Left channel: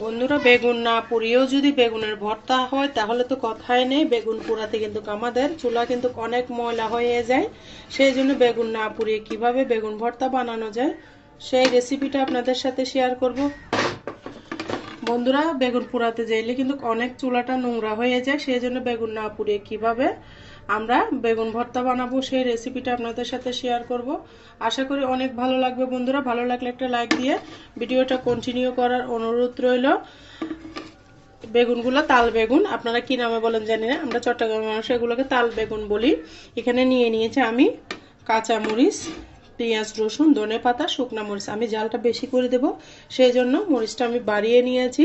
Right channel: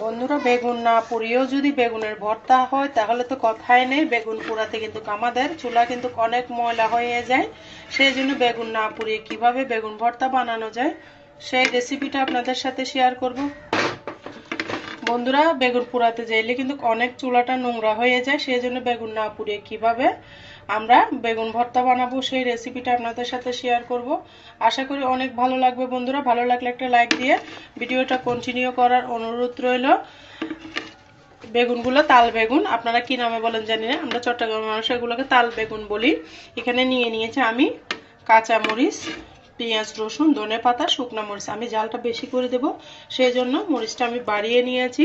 বন্ধুরা, বেগুন না পুড়িয়েও যদি বেগুনের ভর্তা হয়, তাহলে তো কথাই নেই। বেগুন পোড়াতে কিন্তু আমাদের চুলা কিন্তু অনেক ময়লা হয়ে যায়। সেই জন্য বেগুন না পুড়িয়ে কীভাবে বেগুন ভর্তা বানানো যায়, সেই রেসিপিটা আপনাদের সাথে শেয়ার করব। বন্ধুরা, বেগুন পোড়াতে যাইলে কিন্তু অনেক চুলাটা নোংরা হয়ে যায়, সেই জন্য বেগুন না পুড়িয়ে কীভাবে আমরা বেগুন ভর্তা বানাবো, সেই রেসিপিটা আপনাদের সাথে শেয়ার করব। আশা করি অনেক ভালো লাগবে বন্ধুরা। ভালো লাগলে একটা লাইক দিয়ে ভিডিওটা কন্টিনিউ করার অনুরোধ রইল। বেগুনগুলো তাল বেগুন, আপনারা কি নামে বলেন জানি না। আমরা চট্টগ্রামের মানুষ, এগুলোকে তাল বেগুন বলি। এখানে নিয়ে নিয়েছে আমি কাঁচা মরিচ পেঁয়াজ, রসুন, ধনে পাতা, শুকনো মরিচ। আমি জালটা বেশি করে দেব সেই জন্য মরিচটা আমি বাড়িয়ে নিয়েছি।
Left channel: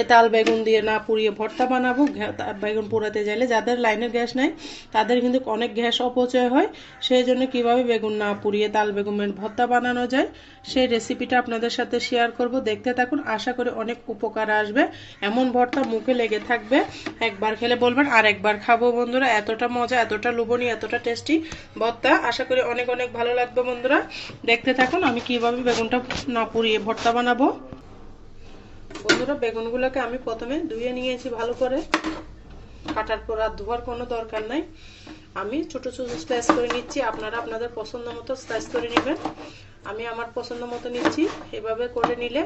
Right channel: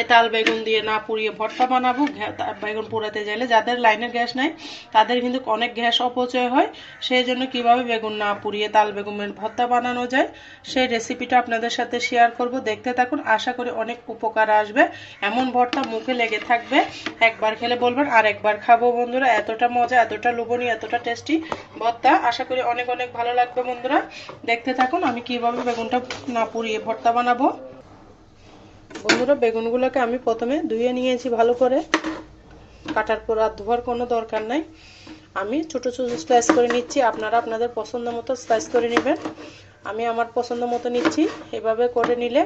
এ তাল বেগুন দিয়ে না পুড়িয়ে ভর্তা বানাবো। বেগুন পোড়াতে চাইলে যাদের লাইনের গ্যাস নাই, তাদের কিন্তু অনেক গ্যাস অপচয় হয়। সেই জন্য কীভাবে বেগুন না পুড়িয়ে তাল বেগুনের ভর্তা বানানো যায়, সেই রেসিপিটা আপনাদের সাথে শেয়ার করব। দেখতে থাকুন, আশা করি অনেক উপকার আসবে। এমন ভর্তা মুখে লেগে থাকবে, একবার খেলে বলবেন, আর একবার খাব বন্ধুরা। এতটা মজা, এতটা লোভনীয়, এতটা টেস্টি ভর্তা। আশা করি অনেক অনেক ভালো লাগবে বন্ধুরা। বন্ধুরা, দেখতে থাকুন আমি কীভাবে বেগুনটা না পুড়িয়ে ভর্তা বানাবো। বন্ধুরা, বেগুনগুলোকে আমি প্রথমে ধুয়ে নিয়েছি ভালো করে। কাটার পর আর ধোয়ার কোনো দরকার নাই। আমি ছোট ছোট স্লাইস করে নিচ্ছি। আপনারা আপনাদের পছন্দ মতো স্লাইস করে নেবেন। আমি আমার পছন্দ মতো নিচ্ছি। এভাবে করে নিলে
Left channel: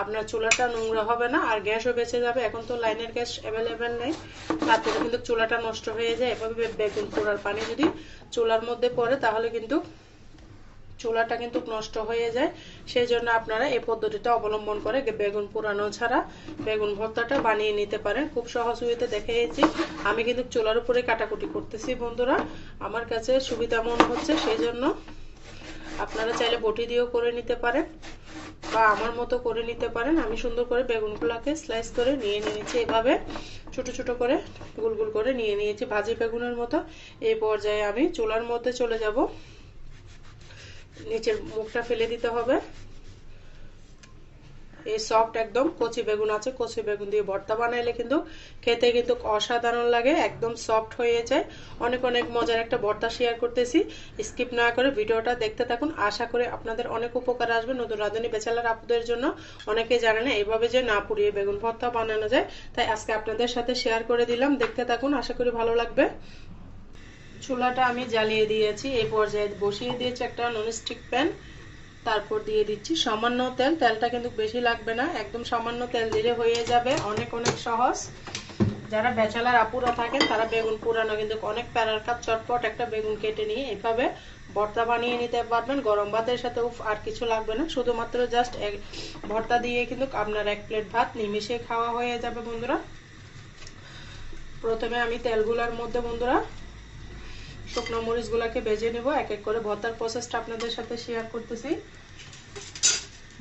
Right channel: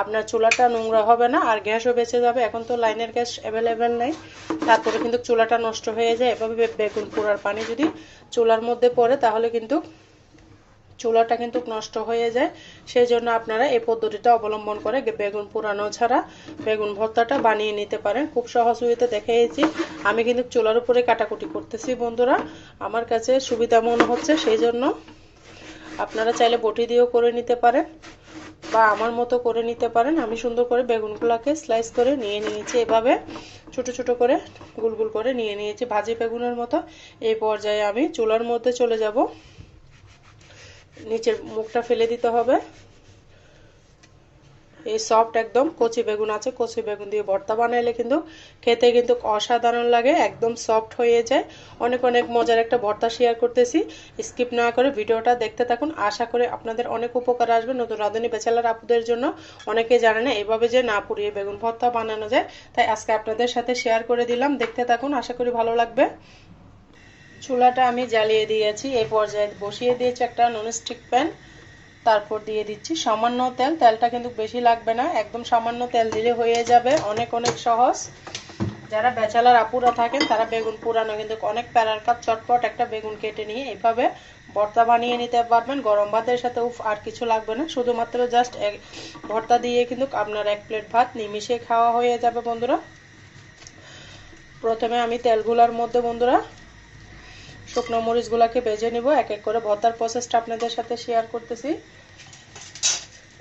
আপনার চুলাটা নোংরা হবে না আর গ্যাসও বেঁচে যাবে। এখন তো লাইনের গ্যাস অ্যাভেলেবেল নেই। তারপরে কিন্তু চুলাটা নষ্ট হয়ে যায়। এভাবে বেগুন পোড়ার পানি যদি চুলার মধ্যে পড়ে তাহলে কিন্তু চুলাটা কিন্তু নষ্ট হয়ে যায়। সেই জন্য আপনারা এই পদ্ধতিটা অবলম্বন করে বেগুন পুরানো ছাড়া বেগুন ভর্তাটা বানিয়ে নিতে পারেন। খুব সহজ হইতে দেখিয়েছি আমি কিন্তু চুলার উপরে কাটাকুটি করতেছি বন্ধুরা। আমার কাছে সুবিধা মনে হচ্ছে সেই জন্য আপনারা চাইলে বটি দিয়েও করে নিতে পারেন বা আমার মতো করে নিতে পারেন। আমি সুন্দর করে বেগুনগুলোকে স্লাইস করে নিয়ে নিয়েছি এভাবে। ছোট ছোট করে গুল গুল করে নিয়ে নিয়েছি ভাজি বেগুনের মতো। এই পর্যায়ে আমি চুলার মধ্যে চলে যাব। নিচের মুখটা ফেলে দিতে হবে। এই সফট একদম কচি বেগুন আছে, কচি বেগুন দিয়ে ভর্তা বানাইলে কিন্তু খেতে কিন্তু অসাধারণ লাগে, একদম সফট হয়ে যায়। অনেক অনেক মজার একটা ভর্তা শেয়ার করতেছি। স্কিপ না করে ভিডিওটা দেখতে থাকুন। আশা করে আপনাদের অনেক উপকার আসবে নতুন রাঁধুনি বেচালার আপুদের জন্য। অনেকে জানে না, এভাবে যে না পুড়িয়ে বেগুন ভর্তা বানানো যায়। তাই আজকে আপনাদের সাথে শেয়ার করে দিলাম। দেখতে থাকুন, আশা করি ভালো লাগবে। চুলাটা আমি জ্বালিয়ে দিয়েছি, এই পর্যায়ে বসিয়ে দিয়েছি একটা ননস্টিক প্যান তারপর দিয়ে দিচ্ছি সামান্য তেল, তেলটা কিন্তু বেশি লাগবে না, একদম সামান্য তেল দিলে হয়ে যাবে, অনেক অনেক সহজ। যারা বেচালার আপুরা থাকেন, তারা বেগুন পুরানো কিন্তু অনেক প্যারার কাপ, চটপট একটা বেগুন কেটে নিয়ে এইভাবে ভর্তা বানিয়ে নিতে পারবেন। গরম ভাতের সাথে আর কিছু লাগবে না। শুধুমাত্র জাস্ট এক ভর্তা দিয়ে কিন্তু আপনার এক প্লেট ভাত নিমিশে খাওয়া হয়ে যাবে বন্ধুরা। প্রথমে আমি তেলগুলার মধ্যে বন্ধুরা শুকনো মরিচগুলোকে ভেজে নেব, এক এক করে ভর্তার প্রসেসটা আপনাদের সাথে শেয়ার করতেছি।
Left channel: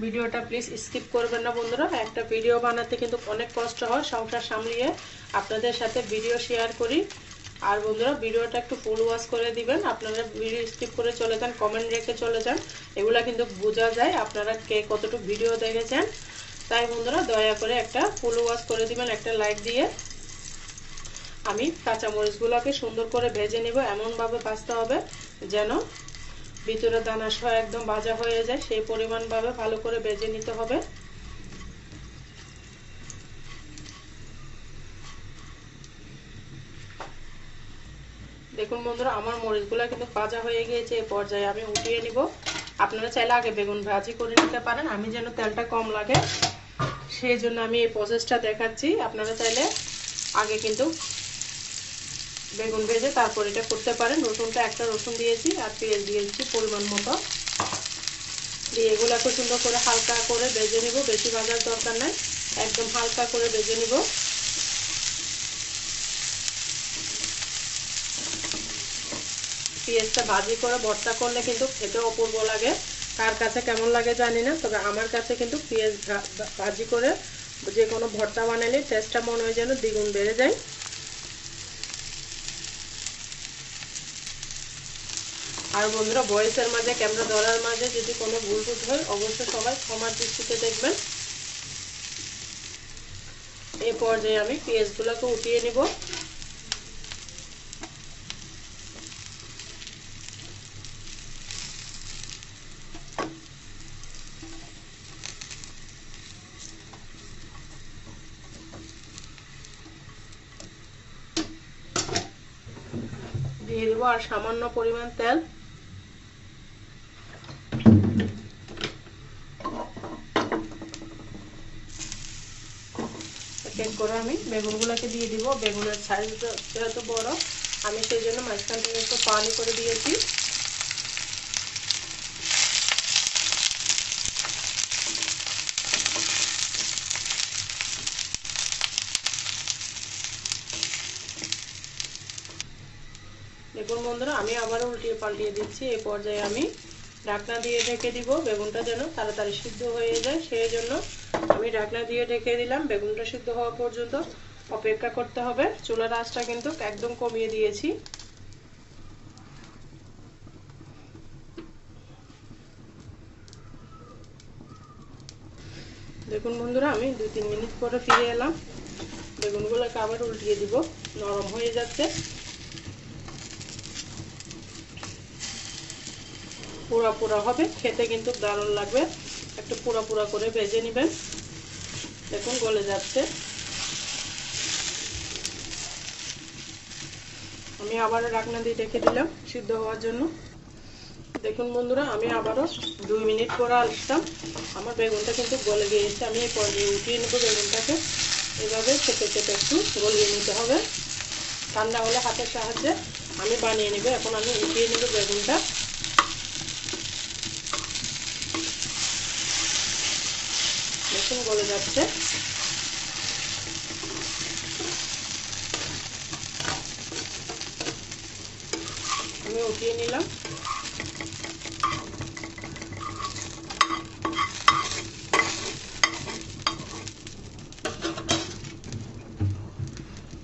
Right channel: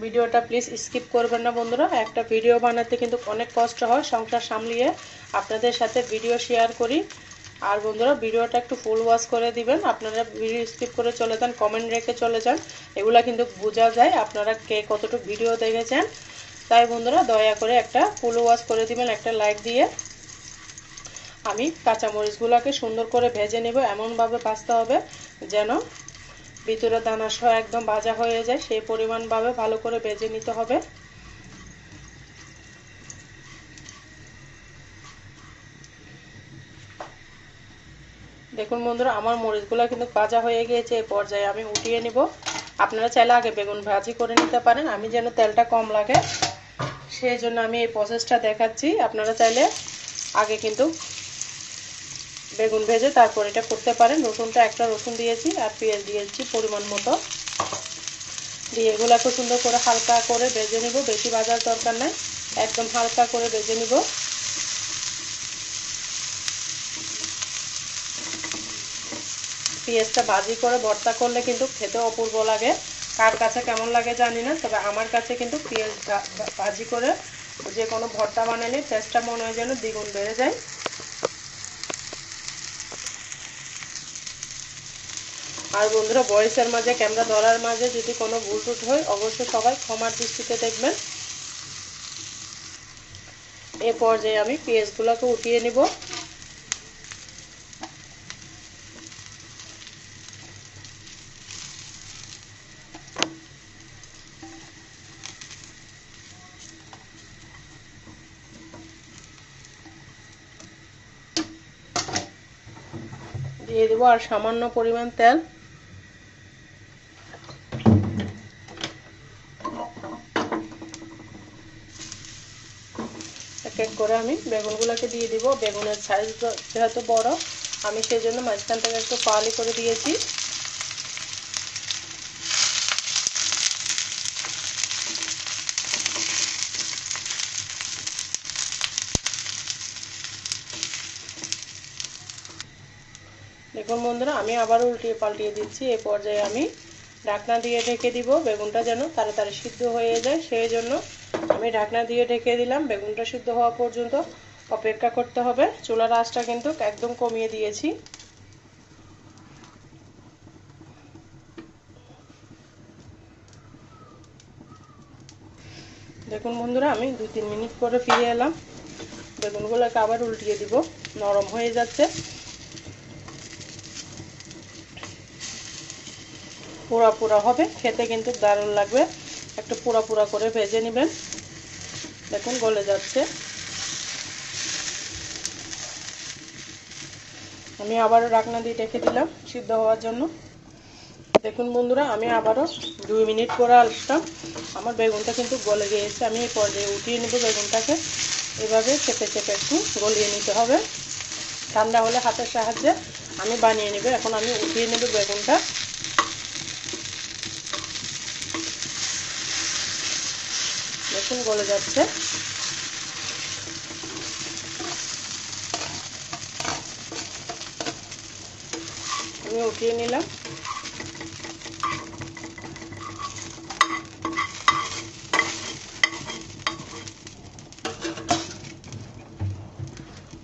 ভিডিওটা প্লিজ স্কিপ করবেন না বন্ধুরা। একটা ভিডিও বানাতে কিন্তু অনেক কষ্ট হয় সংসার সামলিয়ে আপনাদের সাথে ভিডিও শেয়ার করি। আর বন্ধুরা, ভিডিওটা একটু ফুল ওয়াশ করে দিবেন। আপনারা ভিডিও স্কিপ করে চলে যান কমেন্ট রেখে চলে যান। এগুলা কিন্তু বোঝা যায় আপনারা কে কতটুকু ভিডিও দেখেছেন। তাই বন্ধুরা, দয়া করে একটা ফুল ওয়াশ করে দিবেন, একটা লাইক দিয়ে। আমি কাঁচামরিচগুলোকে সুন্দর করে ভেজে নেব। এমনভাবে ভাজতে হবে যেন ভিতরে দানা সহ একদম ভাজা হয়ে যায়। সেই পরিমাণভাবে ভালো করে ভেজে নিতে হবে। দেখুন বন্ধুরা, আমার মরিচগুলো কিন্তু ভাজা হয়ে গিয়েছে এই পর্যায়ে। আমি উঠিয়ে নিব। আপনারা চাইলে আগে বেগুন ভাজি করে নিতে পারেন। আমি যেন তেলটা কম লাগে, সেই জন্য আমি এই প্রসেসটা দেখাচ্ছি। আপনারা চাইলে আগে কিন্তু বেগুন ভেজে তারপর এটা করতে পারেন। রসুনটা একটা রসুন দিয়েছি আর পেঁয়াজ দিয়েছি পরিমাণ মতো। দিয়ে এগুলোকে সুন্দর করে হালকা করে ভেজে নিব, বেশি ভাজার দরকার নাই। একদম হালকা করে ভেজে নিব। পেঁয়াজটা ভাজি করে ভর্তা করলে কিন্তু খেতে অপূর্ব লাগে। কার কাছে কেমন লাগে জানি না, তবে আমার কাছে কিন্তু পেঁয়াজ ভাজি করে যে কোনো ভর্তা বানালে টেস্টটা মনে হয় যেন দ্বিগুণ বেড়ে যায়। আর বন্ধুরা, বয়সের মাঝে ক্যামেরা ধরার মাঝে যদি কোনো ভুল টুট হয়, অবশ্যই সবাই ক্ষমার দৃষ্টিতে দেখবেন। এ পর্যায়ে আমি পেঁয়াজগুলোকে উঠিয়ে নিব। দিয়ে দেবো আর সামান্য পরিমাণ তেল। এক করে আমি বেগুনগুলোকে দিয়ে দিব। বেগুনের সাইজটা যেহেতু বড়, আমি সেই জন্য মাঝখান থেকে একটু পালি করে দিয়েছি। দেখুন বন্ধুরা, আমি আবার উল্টিয়ে পাল্টিয়ে দিচ্ছি। এই পর্যায়ে আমি ঢাকনা দিয়ে ঢেকে দিব। বেগুনটা যেন তাড়াতাড়ি সিদ্ধ হয়ে যায়, সেই জন্য আমি ঢাকনা দিয়ে ঢেকে দিলাম, বেগুনটা সিদ্ধ হওয়া পর্যন্ত অপেক্ষা করতে হবে। চুলার আঁচটা কিন্তু একদম কমিয়ে দিয়েছি। দেখুন বন্ধুরা, আমি দুই তিন মিনিট পরে ফিরে এলাম। বেগুনগুলোকে আবার উল্টিয়ে দিব, নরম হয়ে যাচ্ছে। পোড়া পোড়া হবে, খেতে কিন্তু দারুণ লাগবে। একটু পোড়া পোড়া করে ভেজে নেবেন। দেখুন, গলে যাচ্ছে। আমি আবারও রাখনা দিয়ে রেখে দিলাম সিদ্ধ হওয়ার জন্য। দেখুন বন্ধুরা, আমি আবারও দুই মিনিট পরে আসতাম আমার বেগুনটা কিন্তু গলে গিয়েছে। আমি এই পর্যায়ে উঠিয়ে নেব বেগুনটাকে। এভাবে চেপে চেপে একটু গলিয়ে নিতে হবে। ঠান্ডা হলে হাতের সাহায্যে আমি বানিয়ে নেব। এখন আমি উঠিয়ে নেব বেগুনটা দেখুন গলে যাচ্ছে। আমি উঠিয়ে নিলাম।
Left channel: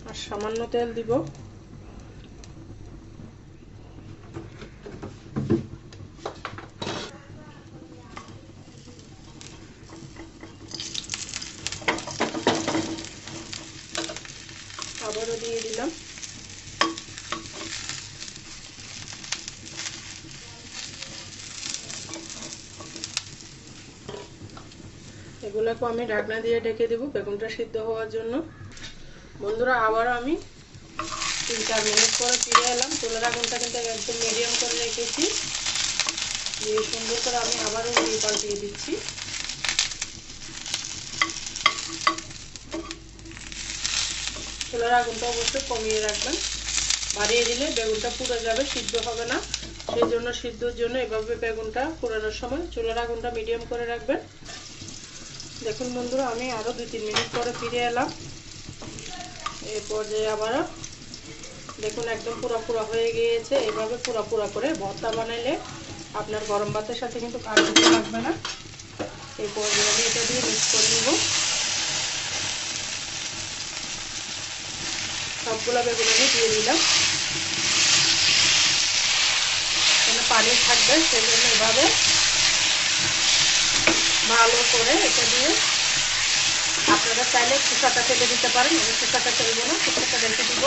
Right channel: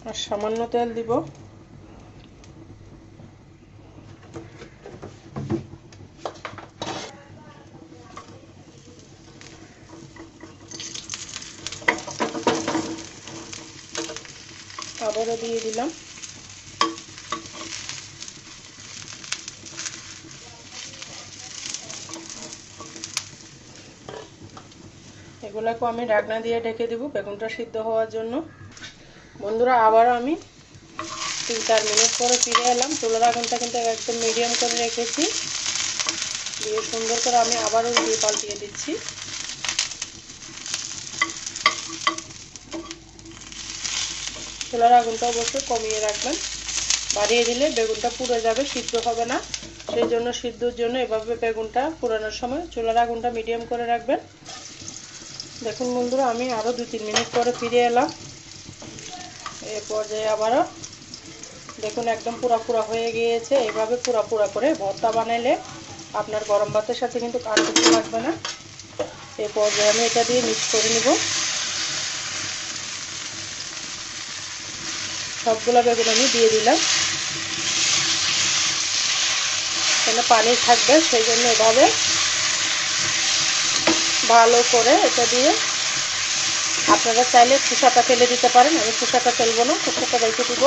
আর সামান্য তেল দিব আবারও দিয়ে দিলাম। এগুলাকে আমি ঢাকনা দিয়ে ঢেকে দেবো বেগুনটা সিদ্ধ হওয়ার জন্য। বন্ধুরা, আবারও আমি তিন চার মিনিট পরে ফিরে এলাম। চুলের আগুনটা কিন্তু একদম মিডিয়াম করে রেখেছি। দিয়ে সুন্দর করে আমি আবারও উড়িয়ে পাল্টিয়ে দিচ্ছি। চুলার আগুনটা অবশ্যই কমিয়ে রাখবেন। বাড়িয়ে দিলে বেগুনটা পুড়ে যাবে, সিদ্ধ হবে না। সেই জন্য সিদ্ধর জন্য এভাবে বেগুনটা পুরানোর সময় চুলার আগুনটা মিডিয়াম করে রাখবেন। দেখুন বন্ধুরা, আমি আরও দু তিন মিনিট পরে ফিরে এলাম। এই পর্যায়ে আবারও দেখুন একদম পুরা পুরা হয়ে গিয়েছে। এভাবে পুরা পুরা করে ভর্তা বানাইলে আপনার গরম ভাতের সাথে কিন্তু কাটি লাগবে না। এই পর্যায়ে আমি এটা দিয়ে মিক্স করে নেব। সবগুলো বেগুন আমি দিয়ে দিলাম। কেন পানি থাকবে, সেই জন্য এভাবে ভালো করে এটা দিয়ে আপনারা চাইলে খোসাটা ফেলে দিতে পারেন। আমি খোসাটা ফেলব না, খোসাটা রেখে দিব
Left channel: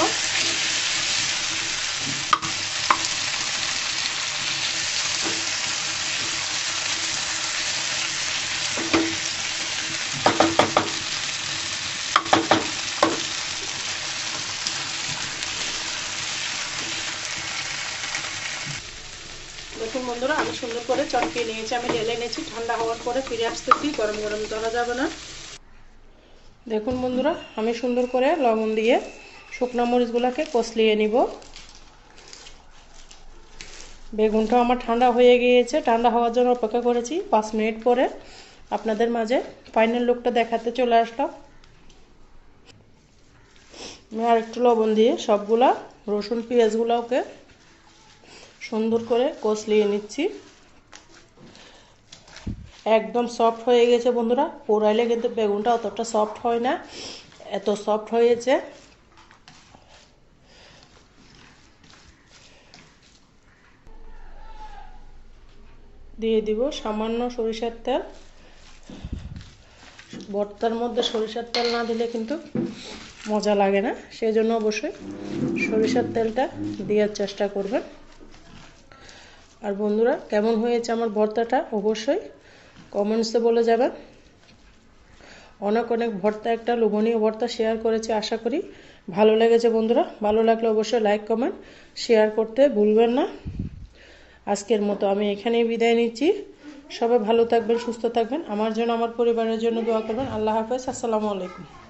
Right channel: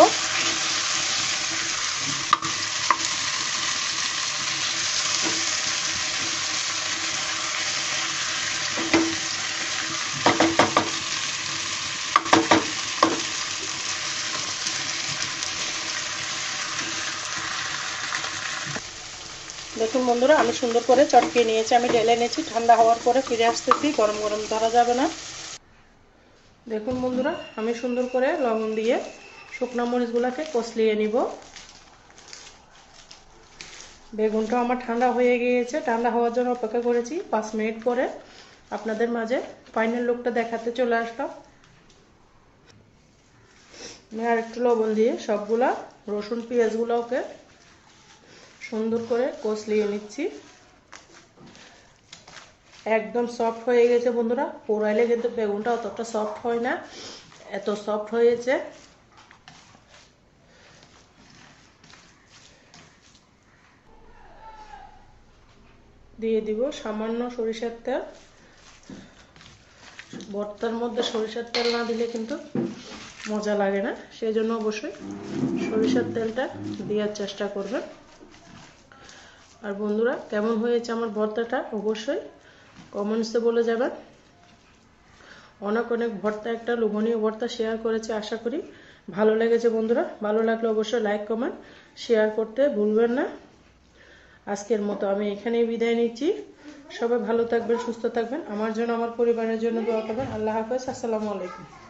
দেখুন বন্ধুরা, আমি সুন্দর করে চটকিয়ে নিয়েছি। আমি ঢেলে নিয়েছি ঠান্ডা হওয়ার পরে ফিরে আসতেছি গরম গরম ধরা যাবে না। দেখুন বন্ধুরা, আমি সুন্দর করে লবণ দিয়ে শুকনো মরিচগুলোকে কষলিয়ে নিব। বেগুনটা আমার ঠান্ডা হয়ে গিয়েছে। ঠান্ডা হওয়ার জন্য অপেক্ষা করেছি পাঁচ মিনিট পরে। আপনাদের মাঝে ফাইনাল লুকটা দেখাতে চলে আসলাম। আমি আর একটু লবণ দিয়ে সবগুলা রসুন, পেঁয়াজগুলোকে সুন্দর করে কষলিয়ে নিচ্ছি। একদম সফট হয়ে গেছে বন্ধুরা। পোড়াইলে কিন্তু বেগুনটা অতটা সফট হয় না। এত সফট হয়েছে। দিয়ে দিব সামান্য সরিষার তেল। ভর্তার মধ্যে সরিষার তেল না দিলে কিন্তু মজা লাগে না। সেই জন্য অবশ্যই সরিষার তেলটা দেওয়ার চেষ্টা করবেন। আর বন্ধুরা, কেমন হয়েছে আমার ভর্তাটা? অবশ্যই কমেন্টসে বলে যাবেন। অনেক অনেক ভর্তা, একটা লোভনীয় ভর্তা শেয়ার করেছি, আশা করি ভালো লেগেছে বন্ধুরা। ভালো লাগলে অবশ্যই লাইক কমেন্ট শেয়ার করতে ভুলবেন না। আজকের মতো আমি এখানেই বিদায় নিচ্ছি। সবাই ভালো থাকবেন, সুস্থ থাকবেন। আমার জন্য, আমার পরিবারের জন্য দোয়া করবেন। আল্লাহ হাফেজ, আসসালামু আলাইকুম।